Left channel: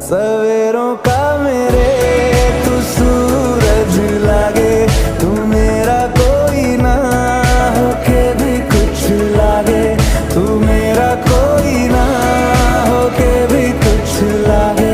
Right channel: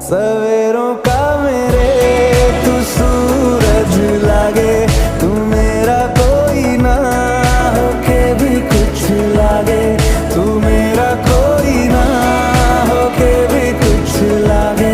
सवेरों का मेरे तू सूरज लागे, तू मेरा कोई ना होके भी कुछ लागे, तू मेरा कोई ना होके भी कुछ लागे।